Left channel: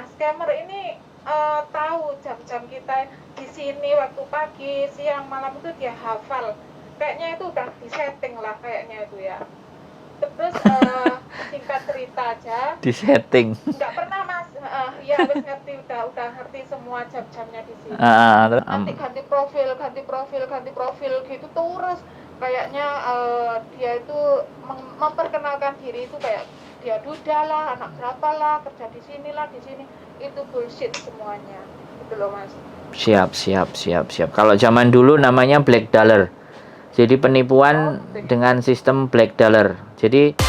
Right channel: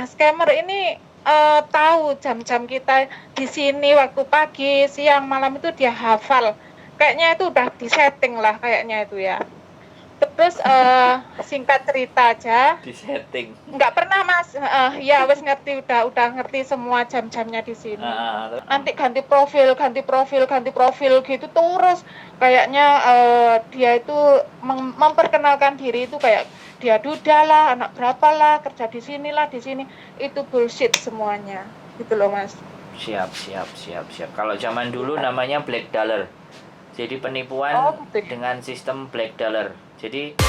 Nah, scammer ini tahu jam-jam kita di sini waktu pagi, siang, malam itu dia hafal. Kayaknya itu udah disetting lah kayaknya itu ya. Terus singkat cerita aja, Di setting. nggak pernah Mas, ya wes ngerti udah ngerti semua jam-jamnya di sini. Nanti ganti profil gitu terus kayaknya dia itu memperkenalkan diri itu kayak dia duda lah, anak berapa lah, kerja di sini lah, di sini. Itu bullshit semuanya. Gitu loh, Mas. Siap. Kalau zaman dulu namanya black dollar. Jadi penipuan dengan sistem black dollar. Jadi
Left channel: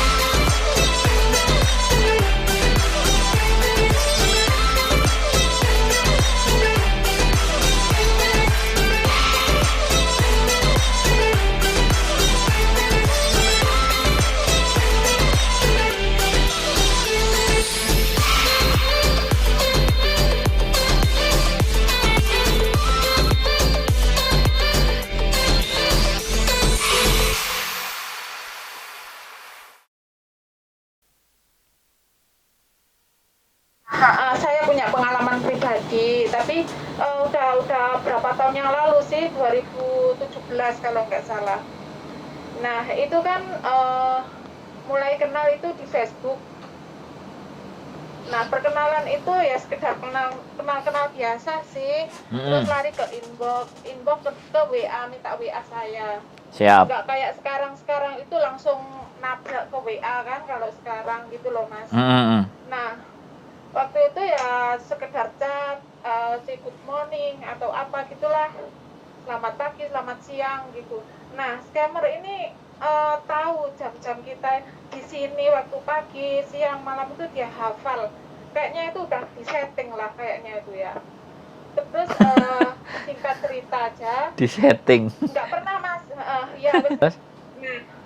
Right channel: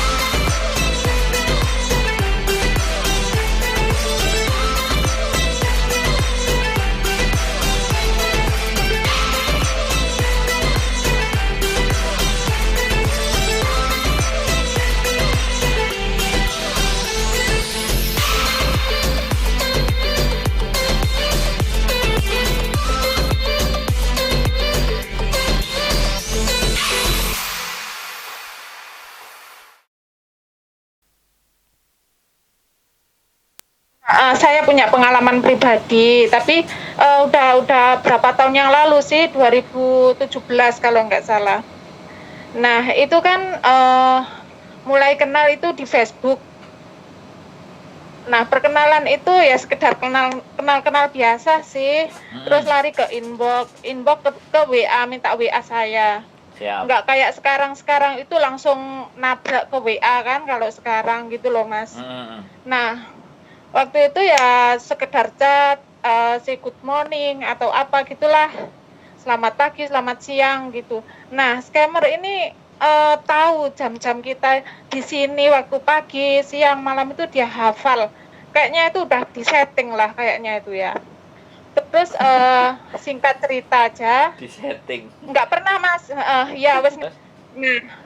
Saya punya pengalaman pribadi, tapi udah berapa tahun yang lalu sih, 2017 kalau nggak salah. Nah, itu kan mulai kenal itu di Facebook. Nah, perkenalan itu ya sekedar kenal biasa sih. Terus lari ke inbox ke WA, minta WA saya. siap. Nggak kayak sekarang itu langsung nabrak ke WA kan kalau sekarang gitu loh, Mas. Nah, waktu itu ya sekedar chat, say good morning atau apa gitulah. Selamat pagi, selamat siang gitu. Nah, scammer ini tahu jam-jam kita di sini waktu pagi, siang, malam itu dia hafal. Kayaknya itu udah disetting lah kayaknya itu ya. Terus singkat cerita aja. Disetting. Nggak pernah Mas, ya wes. Nah,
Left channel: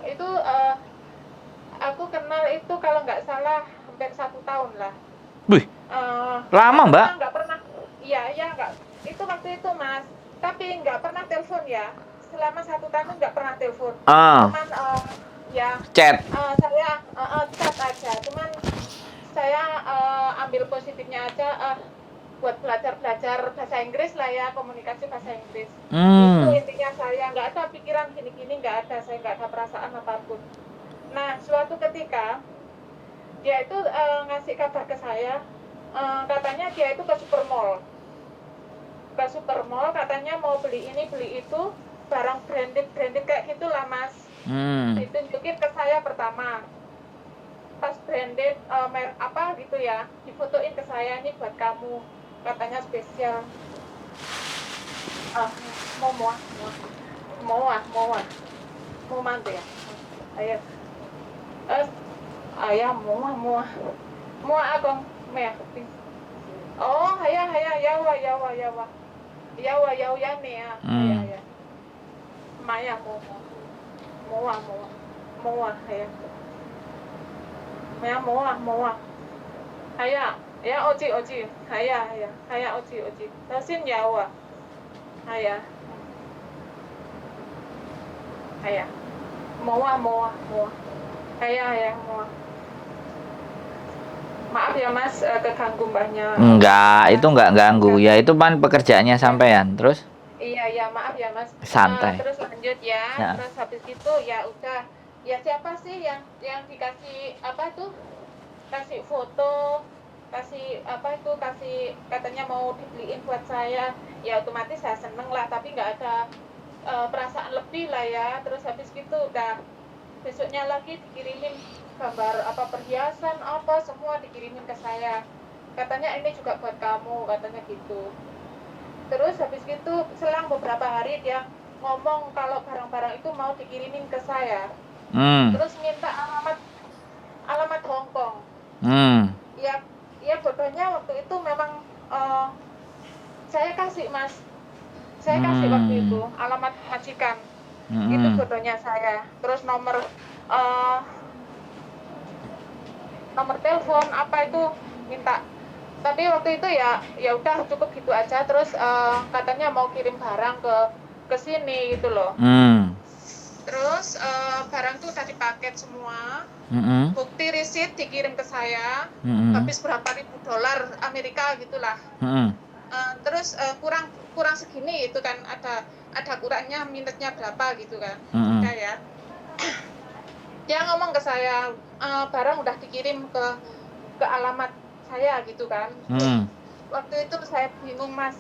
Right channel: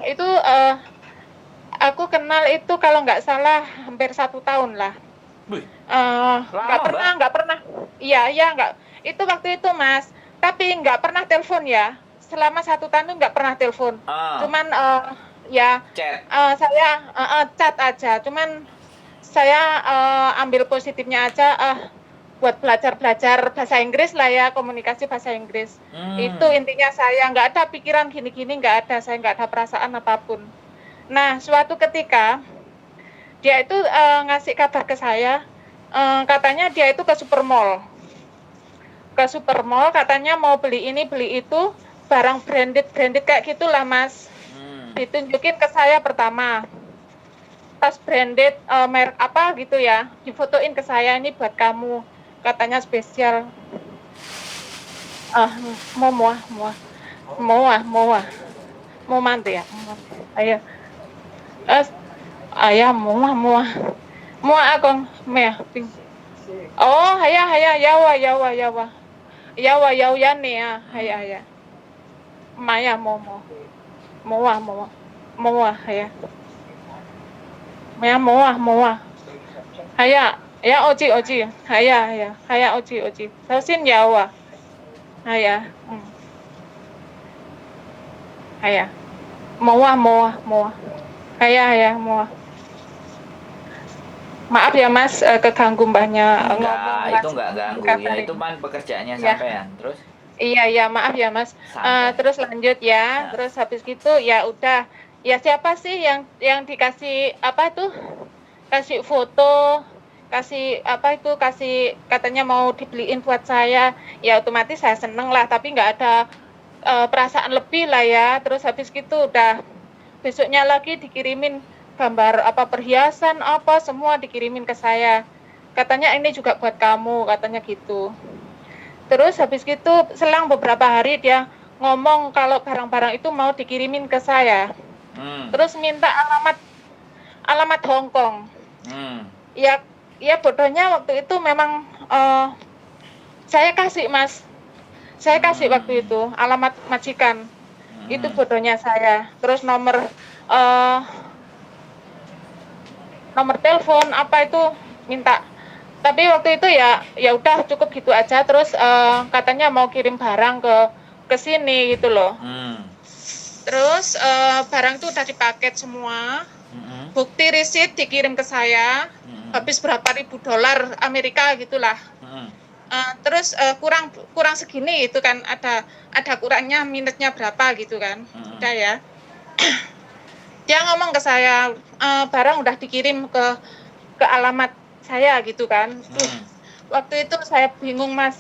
itu aku kenal itu kalau nggak salah hampir 1 tahun lah. Wih, lama Mbak? Nggak pernah. Iya nggak. Itu waktu itu Mas. Tapi nggak pernah telepon ya. Selama 1 tahun itu nggak pernah telepon. Cuman ya chat. Saya chat aja. Cuman saya ambil positifnya aja. Buat belajar bahasa Inggris lah ya, komunikasi bahasa Inggris. Itu intinya saya nggak ada pikiran gini-gini, nggak ada. Saya nggak ada perasaan apapun. Nah, suatu ketika dia itu ngasih kabar ke saya, katanya dia itu ke supermall. Ke supermall katanya mau beli ini, beli itu, barang branded kayak gitulah Mas. Ditunjukin ke saya pertama. Tas branded, merek apa gitu ya, difotoin ke saya, ini buat kamu. Katanya spesial. Mau mantu ya? Ayo. Ayah mua akong meh. Oh, haya yawa yani ya. Haya. Maya mua haya. Maya mua. Haya, ya oji. Haya oji. Sausin yawa. Haya. Haya. Mua. Haya, mua. Maaf ya Mas, keganggu mbahnya. Enggak, itu enggak ganggu. Ya itu kan pekerjaannya sampean. Terus? Iya, maaf ya Mas. Santai. Terus lanjut ya. Terus habis gitu ya udah. Ya siapa sih yang dikasih apa itu? Kasih foto, kasih katanya mau dibeliin buat saya. Ya otomatis saya seneng lah, tapi nggak ada perasaan lebih lah ya. Terus habis gitu udah besoknya lagi dikirimin gambar apa perhiasan apa semua dikirimin ke saya. Katanya ini juga buat kamu, katanya gitu. Terus habis gitu selang beberapa hari dia ngomong kalau barang-barang itu mau dikirimin ke saya. Terus minta alamat Hong Kong. Ya bodohnya waktu itu memang saya kasih Mas. Saya kasih waktu itu alamat majikan. Itu bodohnya saya. Terus nomor telepon apa itu minta. Tapi waktu itu ya udah cukup gitu aja. Terus katanya mau kirim barang ke sini gitu loh. Terus barang tuh udah dipaket semua. Mm-mm. bukti receipt dikirim ke saya, Mm-mm. habis berapa ribu dolar Amerika gitulah. Mm-mm. Terus kurang segini itu kan ada kurangnya minusnya berapa gitu kan. Mm-mm. Udah ya. Dia ngomong ke saya, barang udah dikirim ke alamat saya gitu kan. Mm. Waktu itu saya bingung Mas,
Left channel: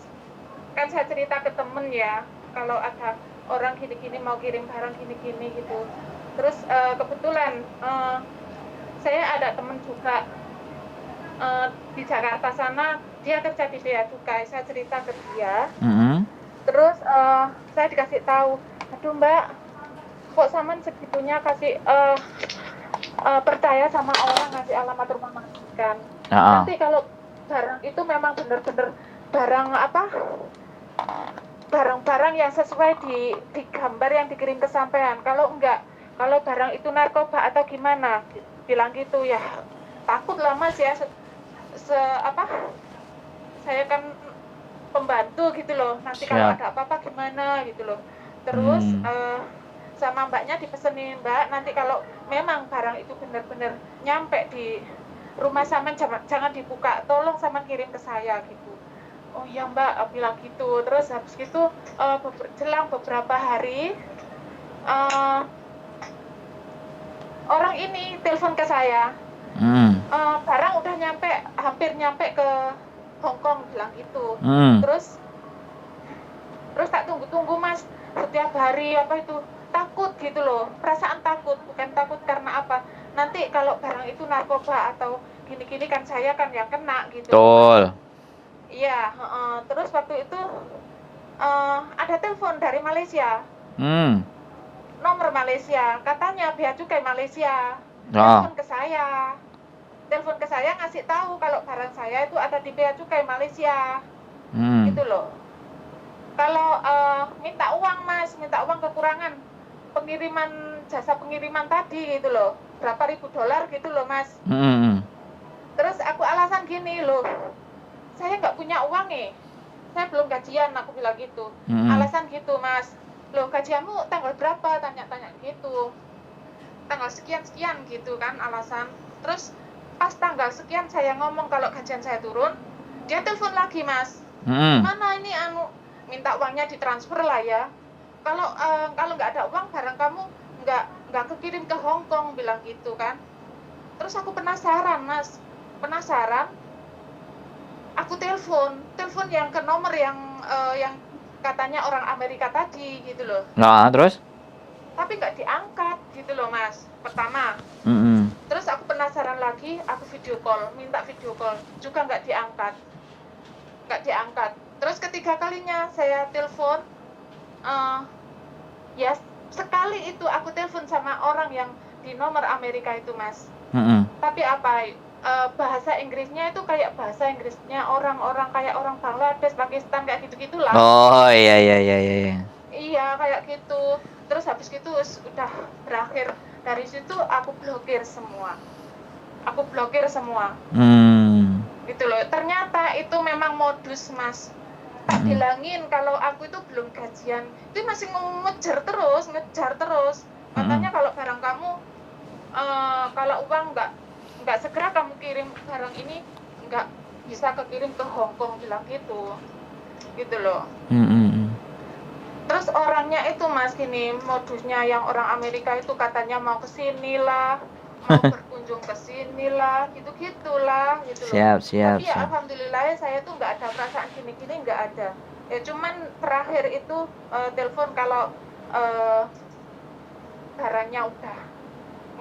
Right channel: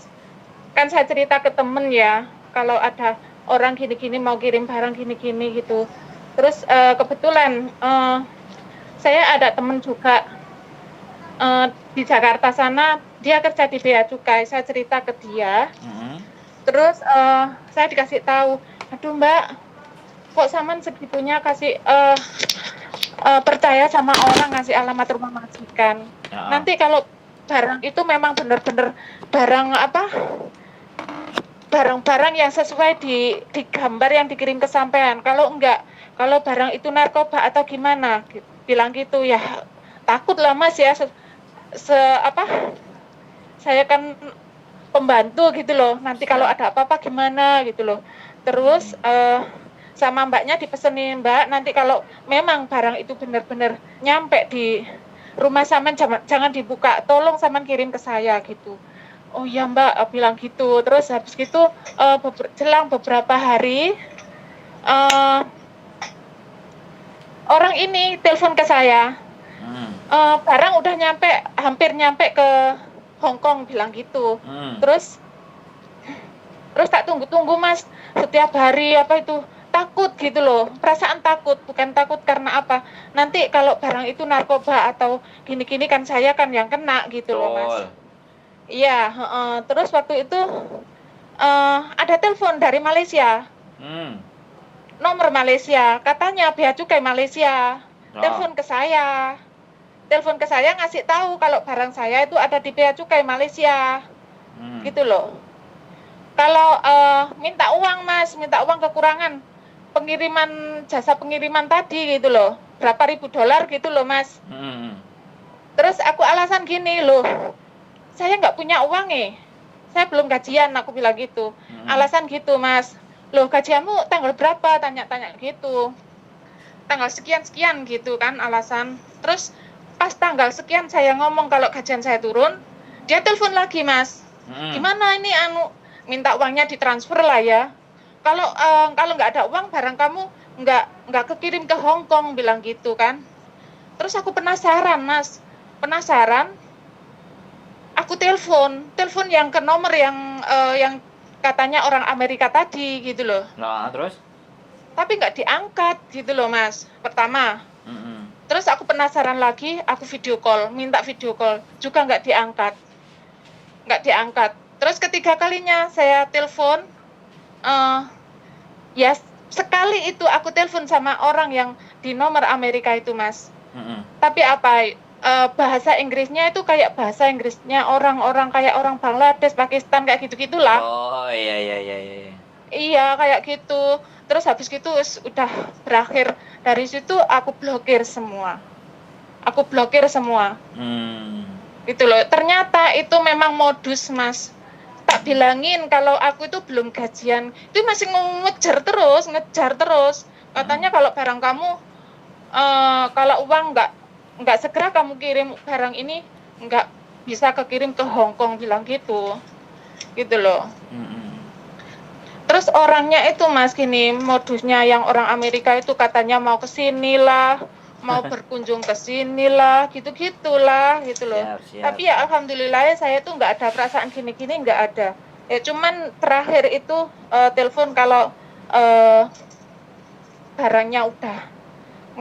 kan saya cerita ke temen ya, kalau ada orang gini-gini mau kirim barang gini-gini gitu. Terus kebetulan saya ada temen juga di Jakarta sana, dia kerja di Bea Cukai. Saya cerita ke dia, Mm-mm. terus saya dikasih tahu, aduh Mbak, kok Saman segitunya kasih percaya sama orang ngasih alamat rumah majikan. Ah. Nanti kalau barang itu memang benar-benar barang apa? Barang-barang yang sesuai di gambar yang dikirim ke sampean. Kalau enggak, kalau barang itu narkoba atau gimana, bilang gitu ya. Takut lah Mas ya, saya kan pembantu gitu loh. Nanti kalau ada apa-apa gimana gitu loh. Terus sama mbaknya dipesenin, Mbak, nanti kalau memang barang itu benar-benar nyampe di rumah Saman jangan dibuka, tolong Saman kirim ke saya gitu. Oh iya Mbak, bilang gitu. Terus habis gitu jelang beberapa hari orang ini telepon ke saya. Barang udah hampir nyampe ke Hong Kong, bilang gitu. Terus tak tunggu-tunggu Mas, setiap hari apa itu takut gitu loh, perasaan takut, bukan takut karena apa, nanti kalau barang itu narkoba atau gini-gini kan saya kan yang kena gitu loh Mas. Iya, terus waktu itu ada telepon dari Malaysia, nomor Malaysia, katanya Bea Cukai Malaysia, telepon ke saya ngasih tahu kalau barang saya itu ada di Bea Cukai Malaysia, gitu loh. Kalau minta uang Mas, minta uang kekurangan jasa pengiriman tadi gitu loh, berapa ribu dolar gitu loh Mas. Terus aku alasan gini loh, saya nggak punya uang saya belum gajian, aku bilang gitu. Alasan gitu Mas, loh gajianmu tanggal berapa, tanya-tanya gitu, tanggal sekian gitu kan alasan. Terus pas tanggal sekian saya ngomong kalau gajian saya turun, dia telepon lagi Mas, gimana ini minta uangnya ditransfer lah ya. Kalau nggak ada uang barang kamu nggak kekirim ke Hong Kong, bilang gitu kan. Terus aku penasaran Mas, aku telepon yang ke nomor yang katanya orang Amerika tadi gitu loh. Nah, terus? Tapi nggak diangkat gitu loh Mas, pertama. Terus aku penasaran lagi, aku minta video call, juga nggak diangkat. Terus ketiga kalinya saya telepon, ya sekali itu aku telepon sama orang yang di nomor Amerika itu Mas. Tapi bahasa Inggrisnya itu kayak bahasa Inggrisnya orang-orang kayak orang Bangladesh, Pakistan, kayak gitu-gitulah. Oh iya. Iya kayak gitu. Terus habis gitu udah berakhir, dari situ aku blokir semua. Gitu loh. Ternyata itu memang modus Mas. Tak bilangin kalau aku itu belum gajian, itu masih ngejar terus. Katanya kalau barang kamu, kalau uang nggak segera kamu kirim barang ini, nggak bisa kekirim ke Hong Kong, bilang gitu loh. Terus orangnya itu Mas gini, modusnya yang orang Amerika itu katanya mau kesini lah, mau berkunjung ke sini lah, gitu-gitulah gitu loh. Siap. Tapi ya alhamdulillah saya tuh nggak ada perasaan gini-gini, nggak ada. Ya cuman terakhir itu telepon kalau barangnya udah,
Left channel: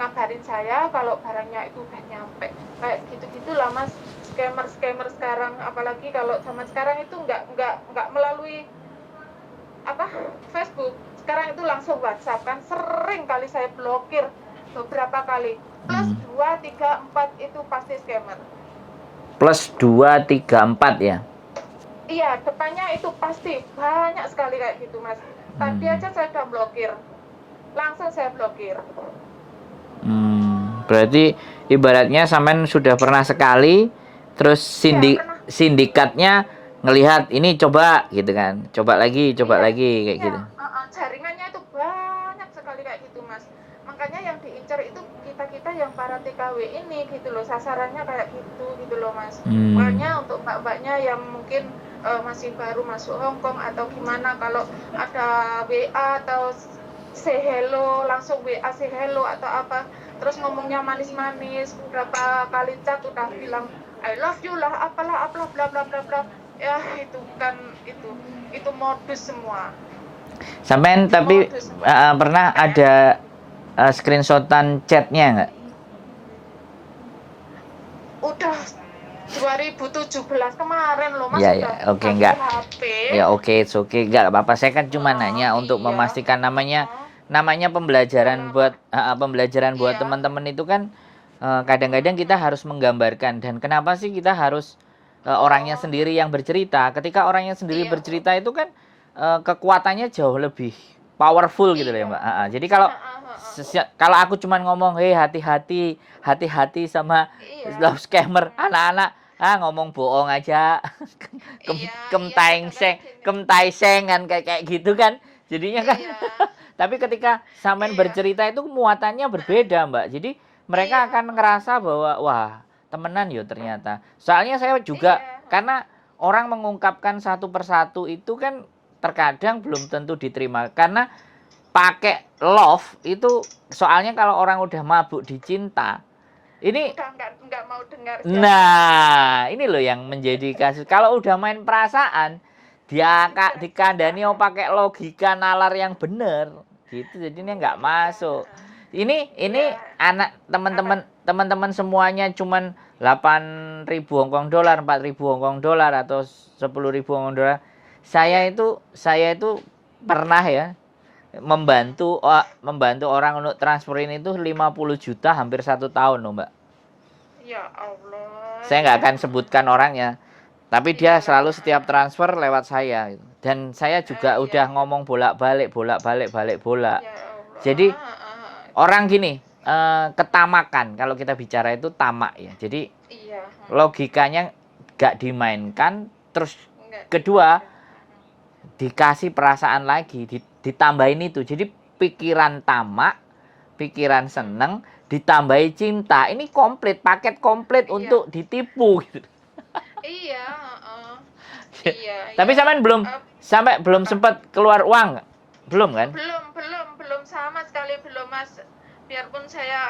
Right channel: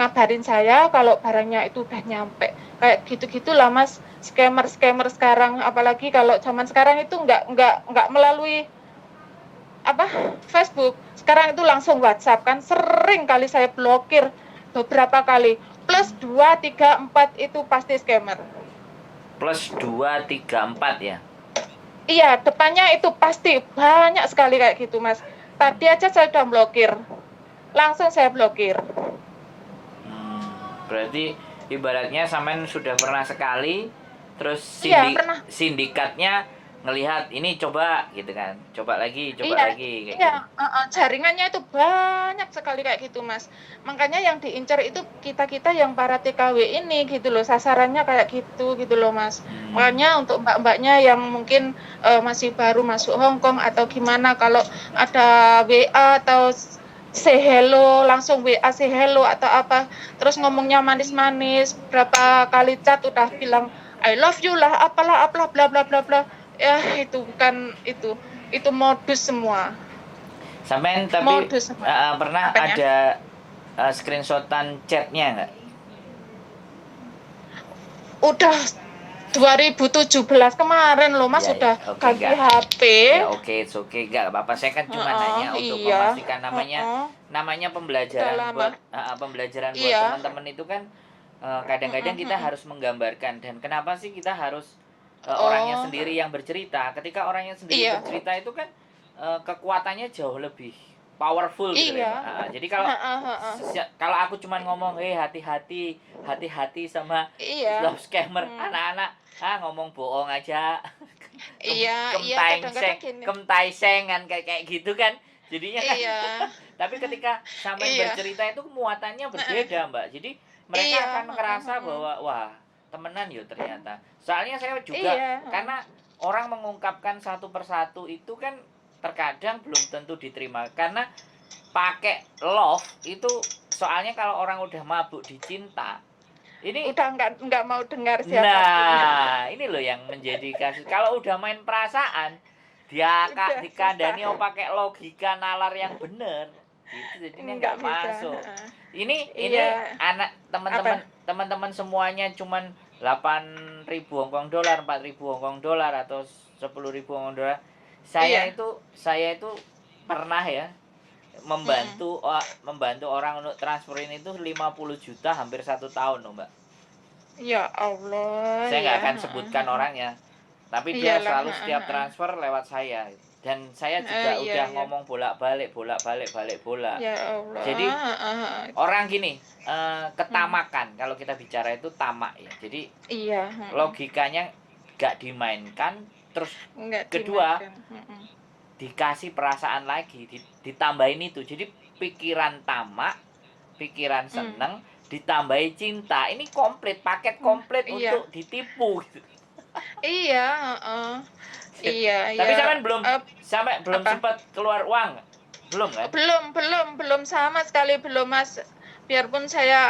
ngabarin saya kalau barangnya itu udah nyampe. Kayak gitu-gitulah Mas, scammer sekarang, apalagi kalau zaman sekarang itu nggak melalui Facebook, sekarang itu langsung WhatsApp kan, sering kali saya blokir beberapa kali. Plus 2, 3, 4 itu pasti scammer. Plus 2, 3, 4 ya? Iya, depannya itu pasti banyak sekali kayak gitu Mas. Tadi aja saya udah blokir, langsung saya blokir. Berarti ibaratnya sampean sudah pernah sekali, terus sindikatnya ngelihat ini coba gitu kan. Coba lagi Iya, kayak iya, gitu. jaringannya itu banyak sekali kayak gitu, Mas. Makanya yang diincar itu kita-kita yang para TKW ini gitu loh, sasarannya kayak gitu loh, Mas. Makanya untuk mbak-mbaknya yang mungkin masih baru masuk Hong Kong atau gimana, kalau ada WA atau say hello, langsung WA say hello atau apa, terus ngomongnya manis-manis, berapa kali chat udah bilang I love you lah, apalah bla bla bla bla. Ya itu bukan itu modus semua. Sampean tapi Modus pernah makanya ada screenshotan chatnya nggak? udah 2017 kemarin loh, Mas, Ya, udah ya, oke, ganti enggak. HP. Ya oke, it's okay, enggak apa-apa. Saya kan cuma nanya untuk Iya, memastikan namanya pembelajaran buat pembelajaran buat iya, teman-teman itu kan kadang-kadang kita harus menggambarkan dan kenapa sih kita harus orangnya oh, sendiri yang bercerita. Ketika orangnya sendiri iya, bercerita itu kan kekuatannya jauh lebih powerful gitu loh ya, iya, Mbak. Jadi kalau kalau aku cuma ngomong, "Hei, hati-hati, hati-hati sama iya, love scammer." Anak-anak ngomong bohong aja. iya, iya, Kemtaiseng, kadang-kadang gini, kemtaiseng kan kayak gitu kan. Jadinya kan iya, tapi ketika sampean iya, bercerita itu muatannya berbeda, Mbak. Jadi mereka iya, akan ngerasa bahwa wah, temenan yo ternyata. Soalnya saya juga iya, karena orang mengungkapkan satu persatu itu kan terkadang belum tentu diterima karena pakai love itu soalnya kalau orang udah mabuk di cinta ini udah nggak mau dengar siapapun. nah, ini loh yang menjadi kasus. Kalau udah main perasaan, dia Udah susah, dikandani pakai logika nalar yang bener, gitu. Jadinya nggak nggak bisa. masuk. Ini Iya, anak apa? teman-teman semuanya cuman 8.000 Hongkong dolar, 4.000 Hongkong dolar atau 10.000 Hongkong dolar. Iya. Saya itu pernah ya membantu orang untuk transferin itu 50 juta hampir 1 tahun loh, Mbak. Ya Allah, Saya nggak ya. akan sebutkan orangnya, tapi dia Iyalah, selalu setiap transfer lewat saya gitu. Dan saya juga iya, udah iya. ngomong bolak-balik bola. Ya Allah, Jadi orang gini, ketamakan kalau kita bicara itu tamak ya. Jadi iya, logikanya nggak dimainkan, terus nggak kedua dimakan. dikasih perasaan lagi, ditambahin itu. Jadi pikiran tamak, pikiran seneng, ditambahi cinta. Ini komplit, paket komplit Iya, untuk ditipu gitu. iya, iya, Tapi ya. sampai belum Apa? sempat keluar uang, belum kan? Belum sama sekali belum, Mas. Biarpun saya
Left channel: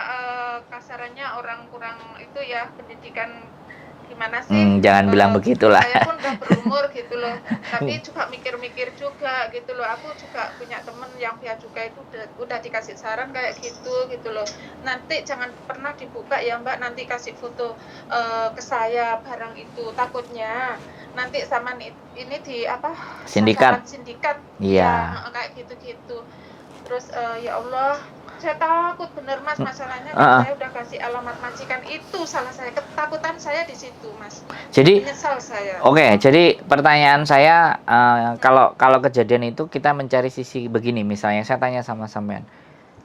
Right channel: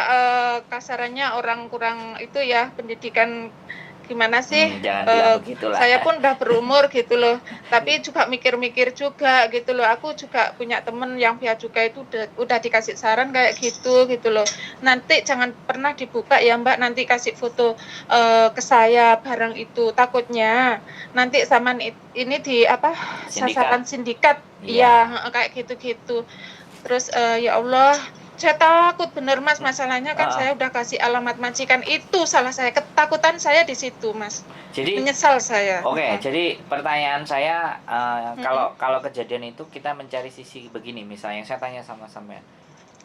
kasarannya orang kurang itu ya pendidikan gimana sih, Jangan bilang begitulah. saya pun udah berumur gitu loh, tapi juga mikir-mikir juga gitu loh. Aku juga punya temen yang bea cukai itu udah dikasih saran kayak gitu loh. Nanti jangan pernah dibuka ya Mbak, nanti kasih foto ke saya barang itu, takutnya nanti zaman ini di apa sasaran sindikat. Iya, kayak gitu-gitu. Terus ya Allah, saya takut bener Mas, masalahnya kan saya udah kasih alamat majikan, itu salah saya, ketakutan saya di situ Mas. Jadi menyesal saya. Oke, jadi pertanyaan saya kalau kejadian itu kita mencari sisi begini, misalnya saya tanya sama sampean.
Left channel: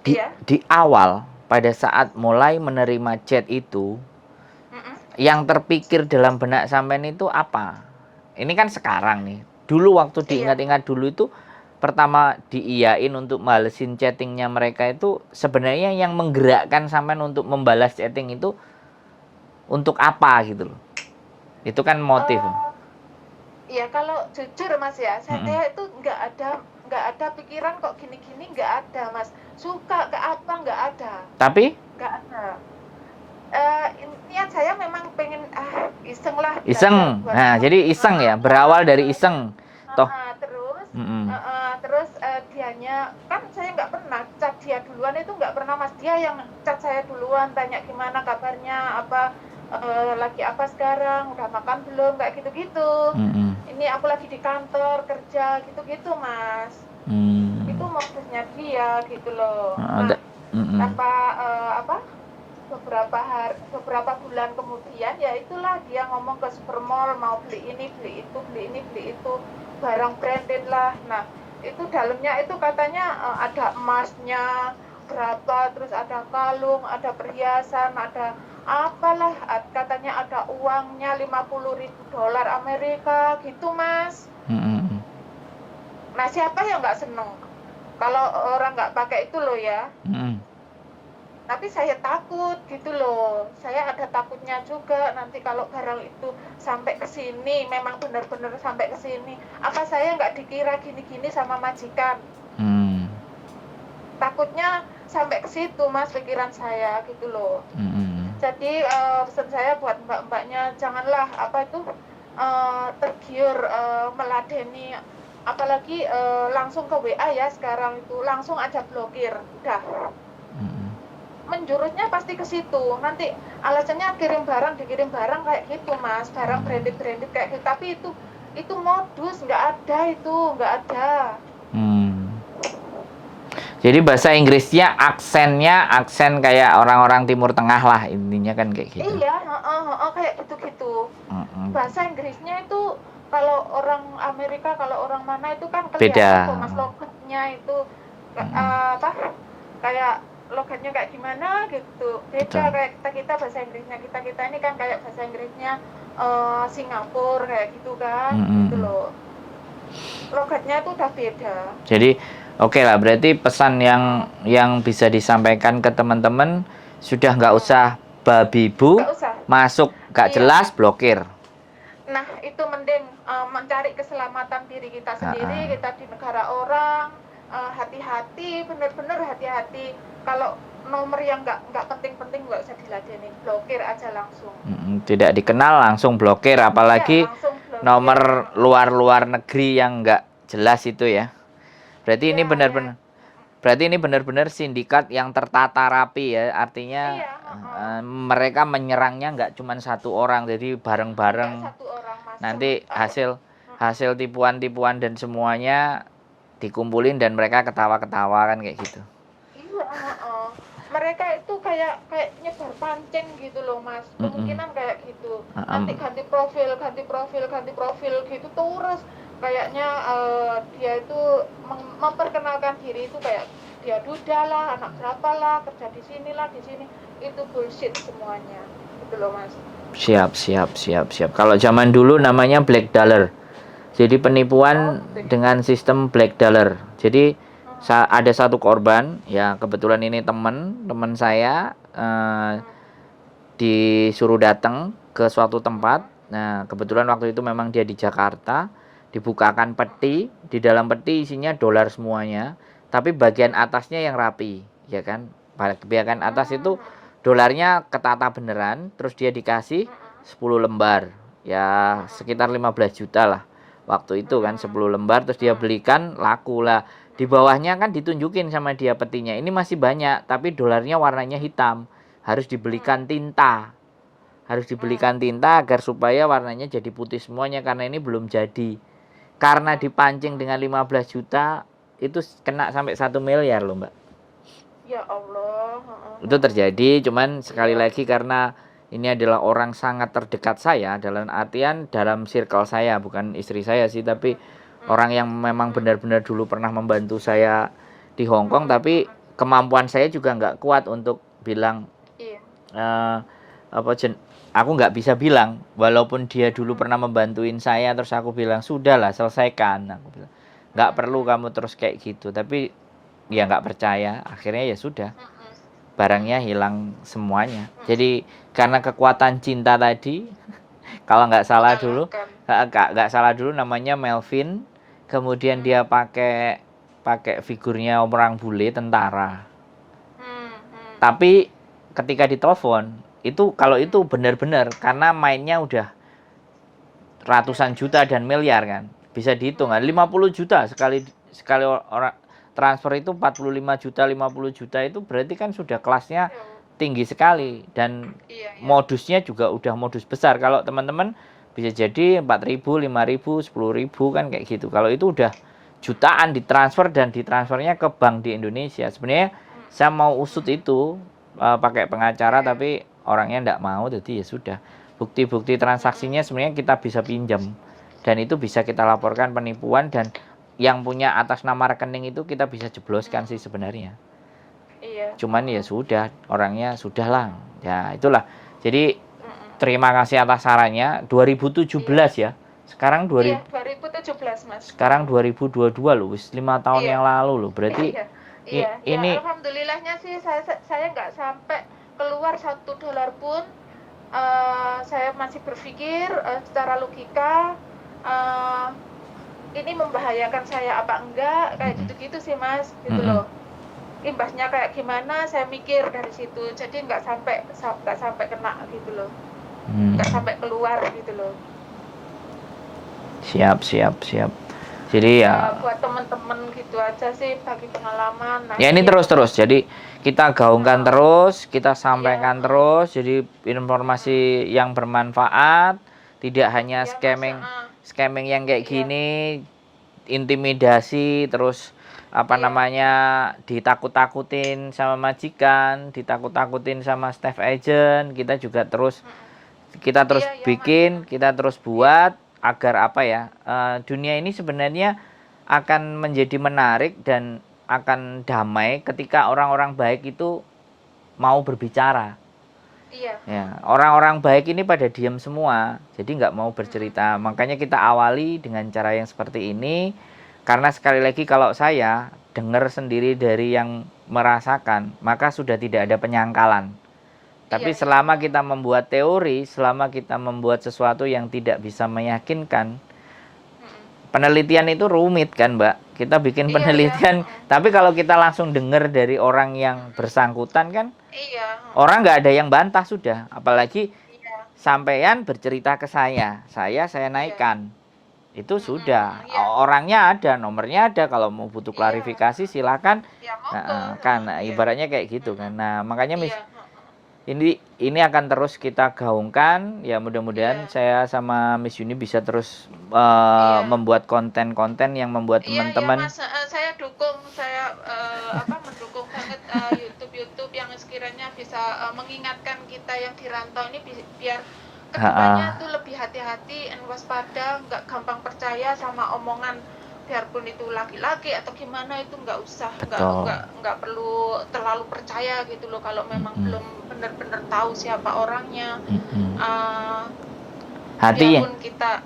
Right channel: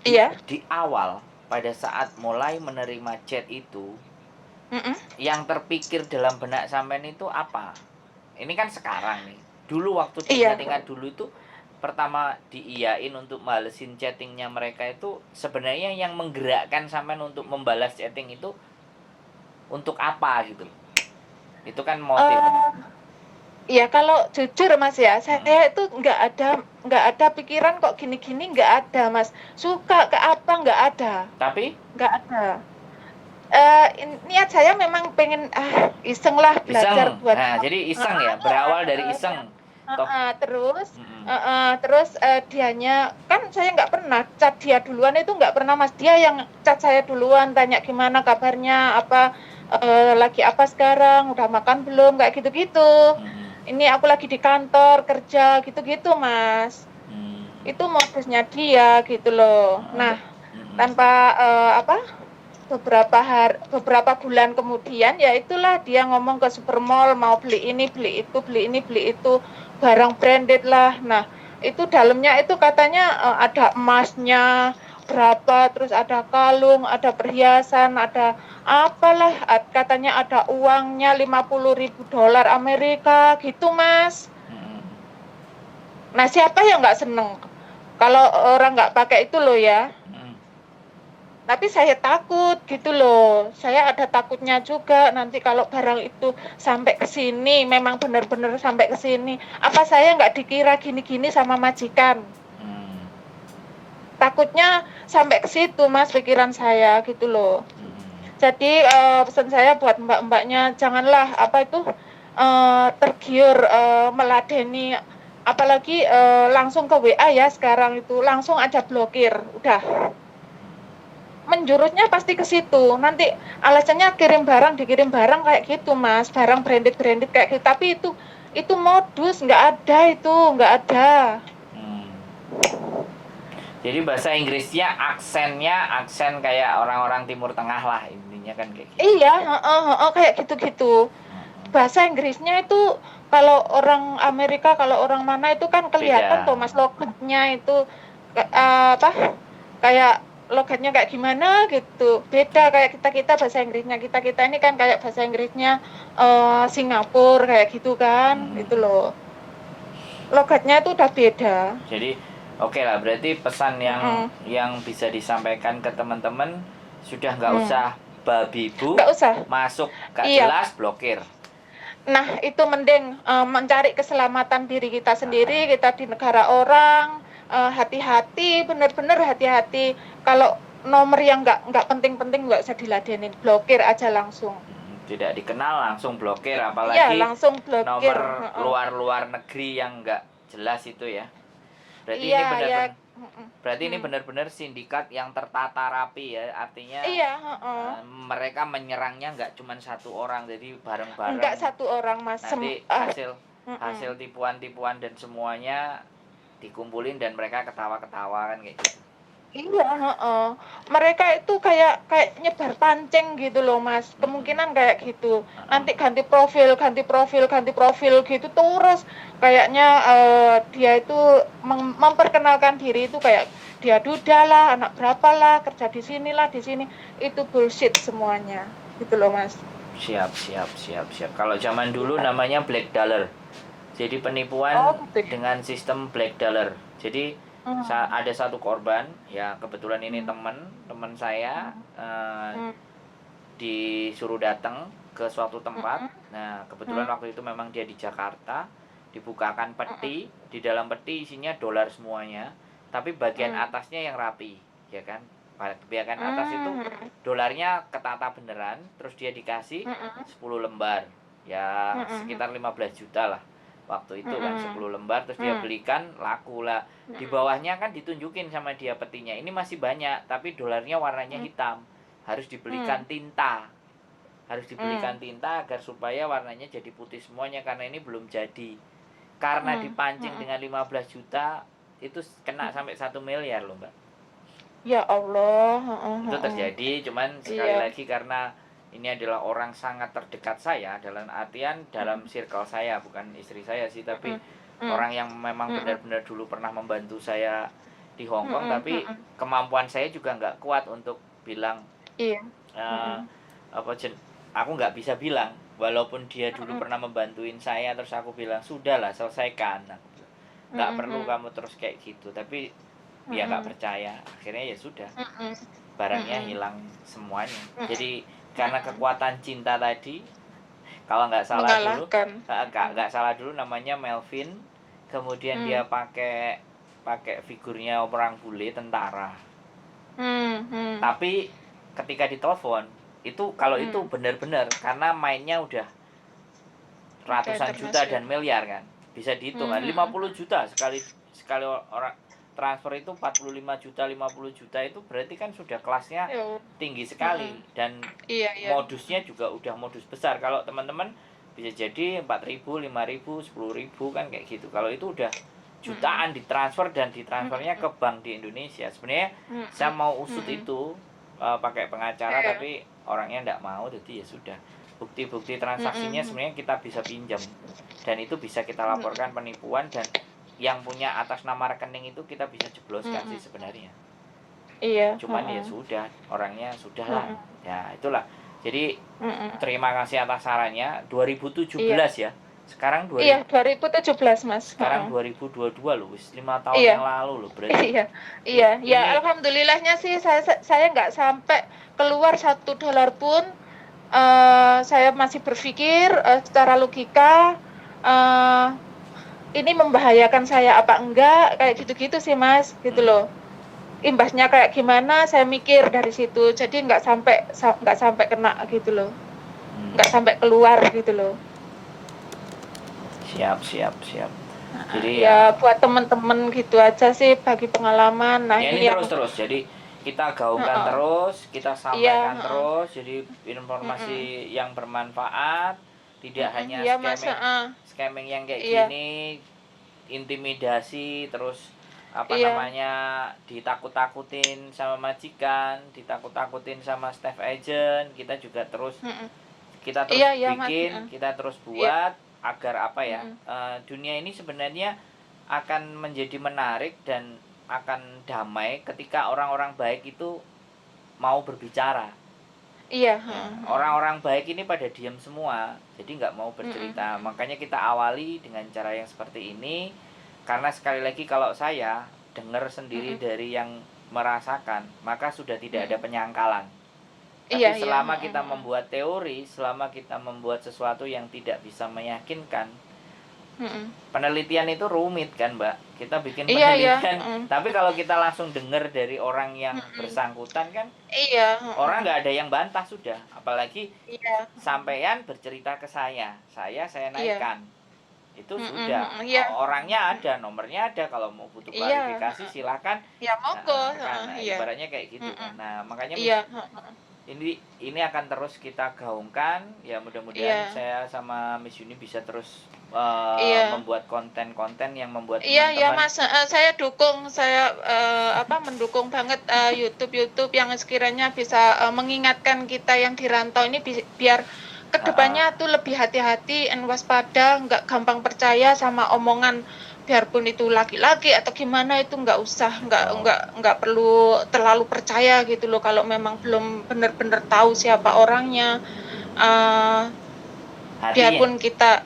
Iya. Di awal pada saat mulai menerima chat itu, yang terpikir dalam benak sampean itu apa? Ini kan sekarang nih. Dulu waktu diingat-ingat dulu itu pertama diiyain untuk malesin chattingnya mereka itu sebenarnya yang menggerakkan sampean untuk membalas chatting itu untuk apa gitu loh. Itu kan motif. Ya kalau jujur Mas ya, saya itu nggak ada pikiran kok gini-gini, nggak ada Mas. Suka ke apa nggak ada. Tapi? Nggak ada. Niat saya memang pengen iseng lah. Iseng. Nah, jadi iseng ya, berawal dari iseng. Terus dianya kan saya nggak pernah chat dia duluan, itu nggak pernah Mas. Dia yang chat saya duluan, tanya gimana kabarnya, apa lagi apa sekarang, udah makan belum, kayak gitu-gitu. Ini aku lagi di kantor kerja gitu-gitu Mas. Itu modusnya dia gitu loh. Nah tanpa beberapa bulan kemudian ya itulah dia ngomong ke supermall mau beli ini beli itu barang branded lah. Nah itu dalamnya itu katanya ada emasnya berapa, terus ada kalung, ada perhiasan, ada apalah, katanya ada uangnya 50.000 dolar Amerika gitu, Mas. Nah, siapa yang nggak seneng kalau orang nggak pakai itu loh ya. Tapi saya takut gitu loh. Saya ada takutnya juga nanti kalau barang itu sampai ke sini, memang benar-benar sampai ke sini. Apa saya nggak dikira gini-gini sama majikan? Takutnya sampai ke situ, Mas, pikiran saya gitu loh. Jadi pesan saya buat mbak-mbaknya, janganlah tergiur meladeni, apalagi langsung ke WA ya sekarang itu, langsung aja blokir, udah. Menjurusnya pasti ke situ. Nanti alasannya dikirim barang kayak gitu, Mas. Barang branded kayak gitu. Tapi itu modus, nggak ada. Jadi bahasa Inggrisnya aksen kayak orang-orang Timur Tengah lah, intinya kan kayak gitu. Iya, kayak gitu-gitu. Bahasa Inggrisnya itu kalau orang Amerika, kalau orang mana itu kan kelihatan kok, Mas, logatnya itu kayak logatnya kayak gimana gitu. Beda kayak kita bahasa Inggrisnya kita ini kan kayak bahasa Inggrisnya Singapura kayak gitu kan, gitu loh. Logatnya itu udah beda. Jadi oke lah, berarti pesan yang bisa disampaikan ke teman-teman sudah nggak usah babi bu, masuk nggak jelas, blokir. Nah, itu mending mencari keselamatan diri kita sendiri, kita di negara orang, hati-hati, benar-benar hati-hati. Kalau nomor yang nggak penting-penting nggak usah diladenin, blokir aja langsung. Tidak dikenal langsung blokir, apalagi langsung blokir. Nomor luar negeri yang nggak jelas itu ya. Berarti ini benar-benar. Berarti ini benar-benar sindikat yang tertata rapi ya, artinya mereka menyerangnya nggak cuma satu orang, jadi bareng-bareng. Nggak satu orang, Mas. Nanti hasil tipuan-tipuan dan semuanya dikumpulin dan mereka ketawa-ketawa kan kayak gitu. Iya, mereka itu kayak nyebar pancing gitu loh, Mas. Kemungkinan kayak gitu. Nanti ganti profil gitu terus. Kayaknya dia itu memperkenalkan diri itu kayak dia duda lah, anak berapa lah, kerja di sini. Itu bullshit semuanya. Gitu loh, Mas. Siap. Kalau zaman dulu namanya black dollar. Jadi penipuan dengan sistem black dollar. Jadi ada satu korban, ya kebetulan ini teman saya disuruh datang ke suatu tempat. Nah, kebetulan waktu itu memang dia di Jakarta, dibukakan peti, di dalam peti isinya dolar semuanya, tapi bagian atasnya yang rapi, ya kan? Bagian atas itu dolarnya ketata beneran, terus dia dikasih 10 lembar, ya sekitar 15 juta lah. Waktu itu kan 10 lembar, terus dia belikan, laku lah. Di bawahnya kan ditunjukin sama dia petinya, ini masih banyak, tapi dolarnya warnanya hitam. Harus dibelikan tinta. Agar supaya warnanya jadi putih semuanya, karena ini belum jadi. Karena dipancing dengan 15 juta, itu kena sampai 1 miliar loh, Mbak. Ya Allah. Itu terjadi, cuman sekali lagi karena ini adalah orang sangat terdekat saya, dalam artian dalam circle saya, bukan istri saya sih, tapi orang yang memang benar-benar dulu pernah membantu saya di Hong Kong, tapi kemampuan saya juga nggak kuat untuk bilang, aku nggak bisa bilang, walaupun dia dulu pernah membantuin saya, terus aku bilang, sudahlah selesaikan, aku bilang, nggak perlu kamu terus kayak gitu, tapi ya nggak percaya, akhirnya ya sudah, barangnya hilang semuanya. Jadi karena kekuatan cinta tadi, kalau nggak salah dulu namanya Melvin, kemudian dia pakai figurnya orang bule tentara. Tapi ketika ditelepon itu, kalau itu benar-benar karena mainnya udah ratusan juta dan miliar kan, bisa dihitung kan, 50 juta sekali orang transfer itu 45 juta, 50 juta itu berarti kan sudah kelasnya tinggi sekali, dan modusnya juga udah modus besar. Kalau teman-teman bisa jadi 4.000, 5.000, 10.000 kan kayak gitu. Kalau itu udah jutaan ditransfer, dan ditransfernya ke bank di Indonesia. Sebenarnya saya mau usut itu pakai pengacara, tapi orangnya enggak mau, jadi ya sudah. Bukti-bukti transaksinya sebenarnya kita bisa pinjam, dan itu bisa kita laporkan penipuan, dan yang punya atas nama rekening itu kita bisa jebloskan sih sebenarnya. Cuman ya sudah, orangnya sudahlah. Ya itulah. Jadi Mm-mm. terima kasih atas sarannya. 2017 Iya. ya. Sekarang Iya, 2017, Mas. sekarang 2022 loh, wis 5 tahun Iya. yang lalu loh. Berarti Iya. Iya, ya ini alhamdulillahnya sih saya nggak sampai keluar $1 pun. Saya masih berpikir secara logika ini membahayakan saya apa enggak, kayak gitu-gitu sih Mas, gitu loh. Imbasnya kayak gimana saya mikir dari situ, jadi nggak sampai kena gitu loh, nggak sampai keluar gitu loh. Siap. Jadi ya buat teman-teman gitu aja sih bagi pengalaman. Nah, ya ini terus. Jadi kita gaungkan terus, kita sampaikan terus. Jadi informasi yang bermanfaat, tidak hanya scamming yang kayak gini, intimidasi, terus namanya ditakut-takutin sama majikan, ditakut-takutin sama staff agent. Kita juga terus kita terus bikin, kita terus buat agar dunia ini sebenarnya akan menjadi menarik dan akan damai ketika orang-orang baik itu mau berbicara. Iya. Ya, orang-orang baik ini pada diam semua, jadi nggak mau bercerita. Makanya kita awali dengan cara yang seperti ini, karena sekali lagi kalau saya dengar sendiri dari yang merasakan, maka sudah tidak ada penyangkalan. Tapi selama kita membuat teori, selama kita membuat sesuatu yang tidak bisa meyakinkan, penelitian itu rumit kan, Mbak? Kita bikin penelitian, tapi kalau kita langsung dengar dari orang yang bersangkutan kan, orang nggak ada yang bantah sudah. Apalagi sampean bercerita ke saya naikkan. Itu sudah, orangnya ada, nomornya ada. Kalau mau butuh klarifikasi silakan. Ibaratnya kayak gitu kan. Nah, makanya ini akan terus kita gaungkan ya, mudah-mudahan saya sama Miss Yuni bisa terus membuat konten-konten yang membuat teman-teman. Mas, saya dukung, mendukung banget YouTube yang sekiranya bisa mengingatkan kita yang di rantau ini biar kedepannya tuh lebih hati-hati dan waspada, nggak gampang percaya sama omongan, biarpun itu laki-laki atau gimana, itu nggak usah, nggak perlu terlalu percaya gitu loh kalau memang belum benar-benar tahu siapa orangnya. Biarpun kita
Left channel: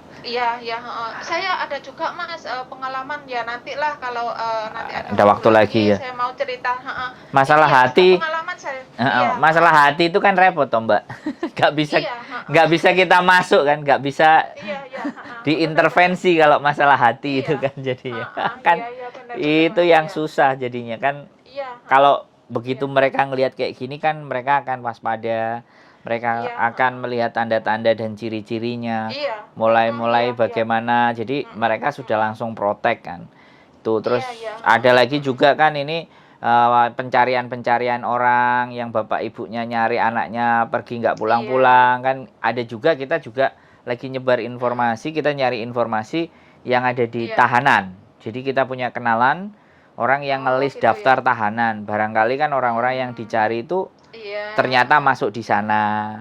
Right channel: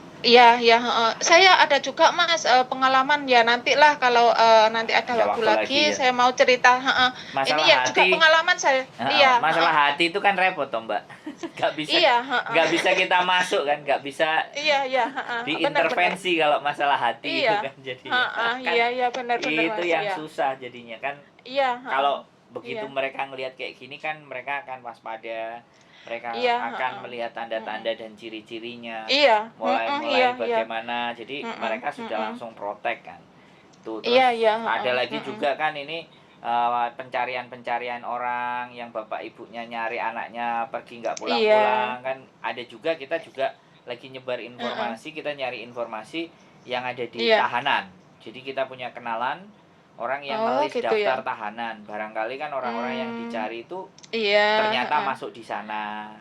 saya ada juga Mas pengalaman, ya nantilah kalau nanti ada waktu lagi ya. Saya mau cerita masalah ini hati. Pengalaman saya. Masalah hati itu kan repot toh, Mbak. Nggak bisa kita masuk kan, nggak bisa diintervensi bener. Kalau masalah hati itu kan jadinya kan bener, itu Mas, yang susah jadinya kan. Kalau begitu mereka ngelihat kayak gini kan, mereka akan waspada. Mereka akan melihat tanda-tanda dan ciri-cirinya, mulai bagaimana. Jadi mereka sudah langsung protek kan. Tuh terus ada lagi juga kan ini pencarian orang yang bapak ibunya nyari anaknya pergi nggak pulang-pulang kan. Ada juga, kita juga lagi nyebar informasi, kita nyari informasi yang ada di tahanan. Jadi kita punya kenalan orang yang ngelis gitu daftar tahanan. Barangkali kan orang-orang yang dicari itu ternyata masuk di sana.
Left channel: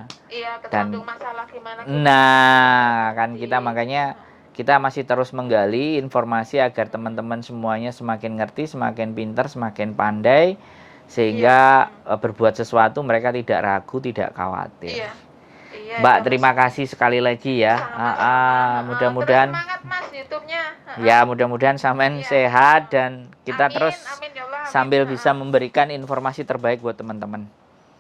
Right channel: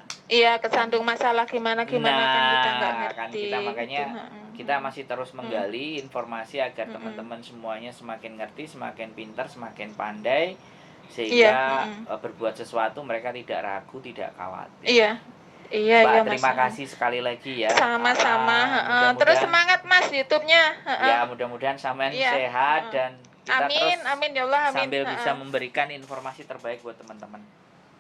Kesandung masalah gimana. Nah, kan kita makanya kita masih terus menggali informasi agar teman-teman semuanya semakin ngerti, semakin pintar, semakin pandai, sehingga berbuat sesuatu mereka tidak ragu, tidak khawatir. Mbak, terima kasih sekali lagi ya. Sama-sama. Mudah-mudahan terus semangat Mas YouTube-nya. Ya, mudahan sampean sehat dan kita terus ya Allah, sambil bisa memberikan informasi terbaik buat teman-teman.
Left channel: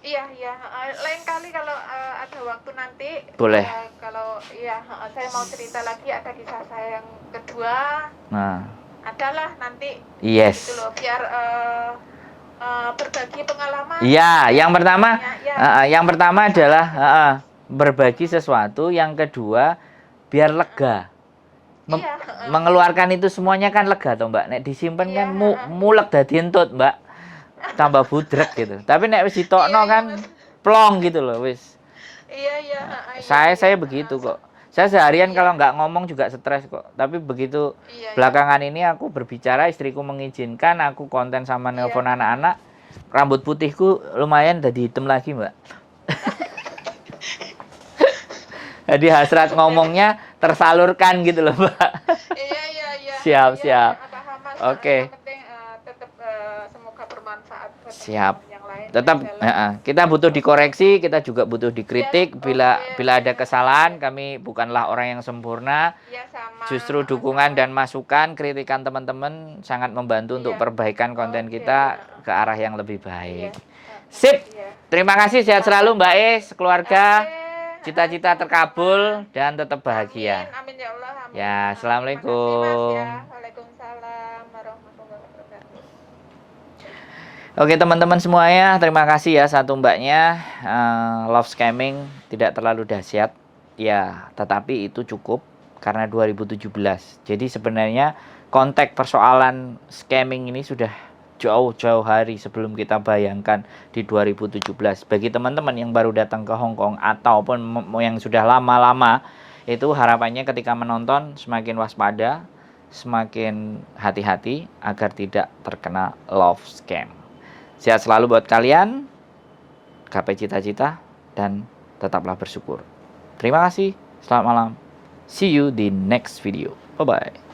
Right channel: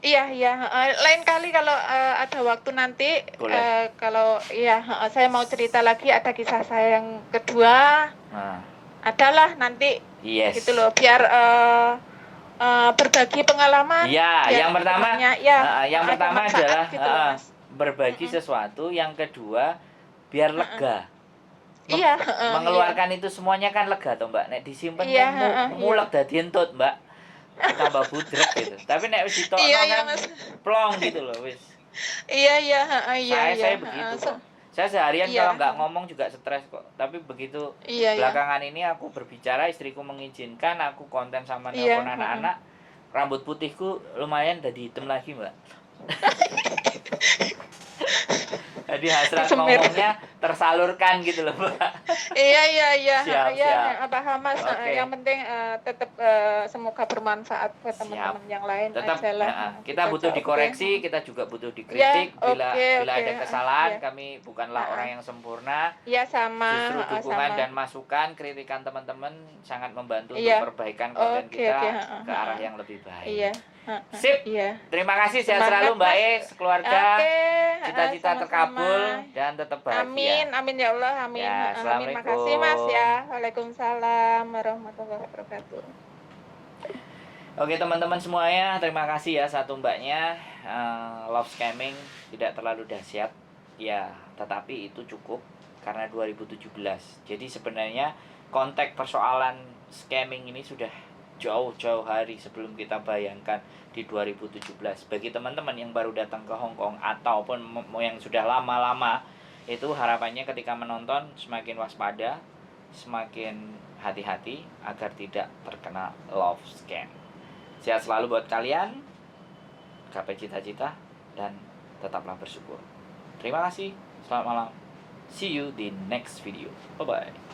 Lain kali kalau ada waktu nanti, boleh. Kalau saya mau cerita lagi, ada kisah saya yang kedua. Adalah nanti gitu loh, biar berbagi pengalaman. Yang pertama adalah berbagi sesuatu, yang kedua biar lega. Mengeluarkan itu semuanya kan lega toh, Mbak. Nek disimpen kan mulek dadi entut, Mbak. Tambah budrek gitu. Tapi nek wis ditokno kan plong gitu loh wis. Saya begitu kok. Saya seharian kalau nggak ngomong juga stres kok. Tapi begitu belakangan ini aku berbicara, istriku mengizinkan, aku konten sama nelpon anak-anak, rambut putihku lumayan jadi hitam lagi, Mbak. Jadi hasrat ngomongnya tersalurkan gitu loh, Mbak. Iya. Siap, Iya, siap. paham Mas. Oke. Yang penting tetap semoga bermanfaat buat Siap. teman-teman yang lain Tetap jalan kita butuh baca dikoreksi, kita juga butuh Ya, dikritik bila oke, ada kesalahan. ya. Kami bukanlah orang yang sempurna. Iya sama, Justru dukungan sama. dan masukan, kritikan teman-teman sangat membantu untuk Iya. perbaikan konten Oke, kita ke arah yang lebih Iya. baik. Sip. Iya. Terima kasih, sehat selalu Mbak E, sekeluarga. Oke, Cita-cita sama-sama. terkabul dan tetap bahagia. Amin ya Allah, amin. Ya, Amin. assalamualaikum. Makasih Mas ya. Waalaikumsalam warahmatullahi wabarakatuh. Oke teman-teman semuanya, terima kasih ya satu mbaknya. Love scamming tidak terlalu dahsyat, ya, tetapi itu cukup karena 2017. Jadi sebenarnya konteks persoalan scamming ini sudah jauh-jauh hari sebelum kita bayangkan di 2017. Bagi teman-teman yang baru datang ke Hong Kong ataupun yang sudah lama-lama, itu harapannya ketika menonton semakin waspada, semakin hati-hati agar tidak terkena love scam. Sehat selalu buat kalian, gapai cita-cita, dan tetaplah bersyukur. Terima kasih, selamat malam. See you di next video. Bye-bye.